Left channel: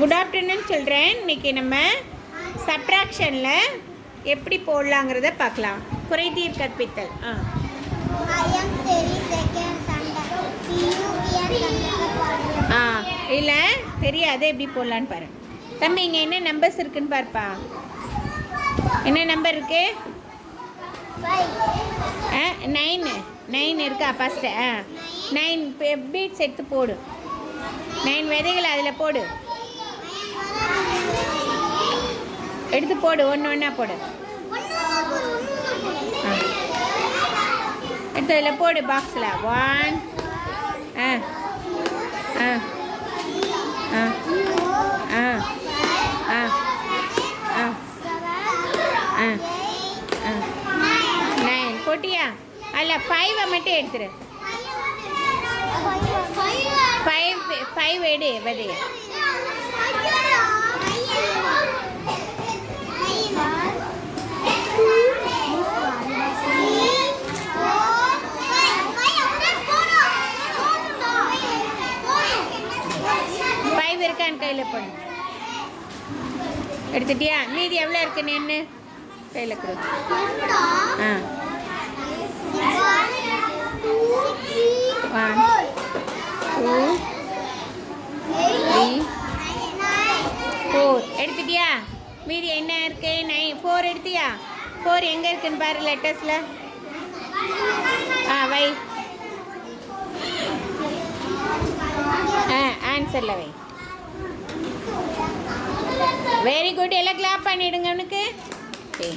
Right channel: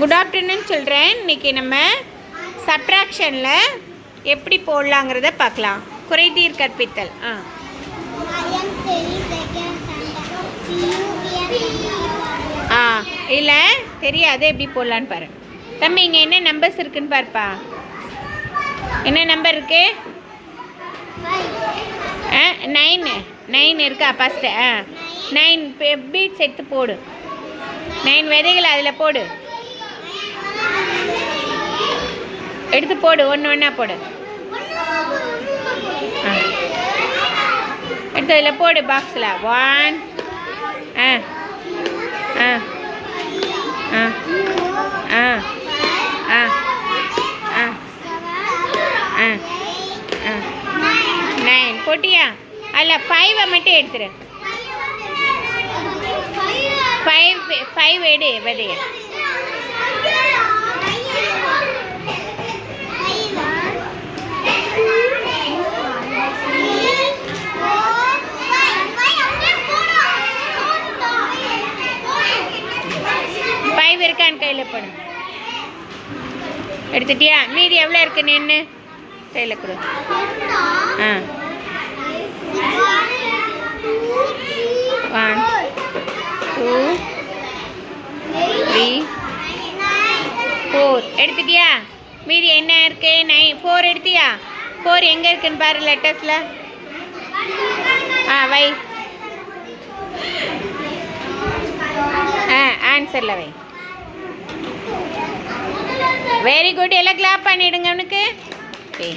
Good afternoon சொல்கிறேன். இன்றைக்கி நம்ம சப்ட்ராக்ஷனில் எப்படி போடலாங்கிறத பார்க்கலாம். குறைதீர் கற்பித்தல். இல்லை தெரியாது, எப்படி போடலான்னு பாரு. தம்பி இங்கே என்ன நம்பர்ஸ் இருக்குன்னு பாருப்பா. என்ன நம்பர் இருக்கு? 9 இருக்கா? ஃபஸ்ட்டு 9 பீட்ஸ் எடுத்து போடு. 9 விதைகள் அதில் போடு. எடுத்து போடு, ஒன்று ஒன்றா போடு. எடுத்து அதில் போடு பாக்ஸில். 1 9 போட்டியா? அதில் 5 மட்டும் எடுத்துரு. 5 எடு விதைய. இருக்கான்னு கையில் போடு. எடுத்துட்டியா? மீதி எவ்வளோ இருக்குன்னு என்ன கையில் கொடு. 1 2 3 4 எடுத்துட்டியா? மீதி என்ன இருக்கு? 4 எடுத்தியா? 4 எங்கே இருக்குன்னு பாரு லெட்டர்ஸில். வை. ஆன்சரில் வை. Very good. எல்லாம் கிளாப் பண்ணிவிடுங்க அவனுக்கு. சரி.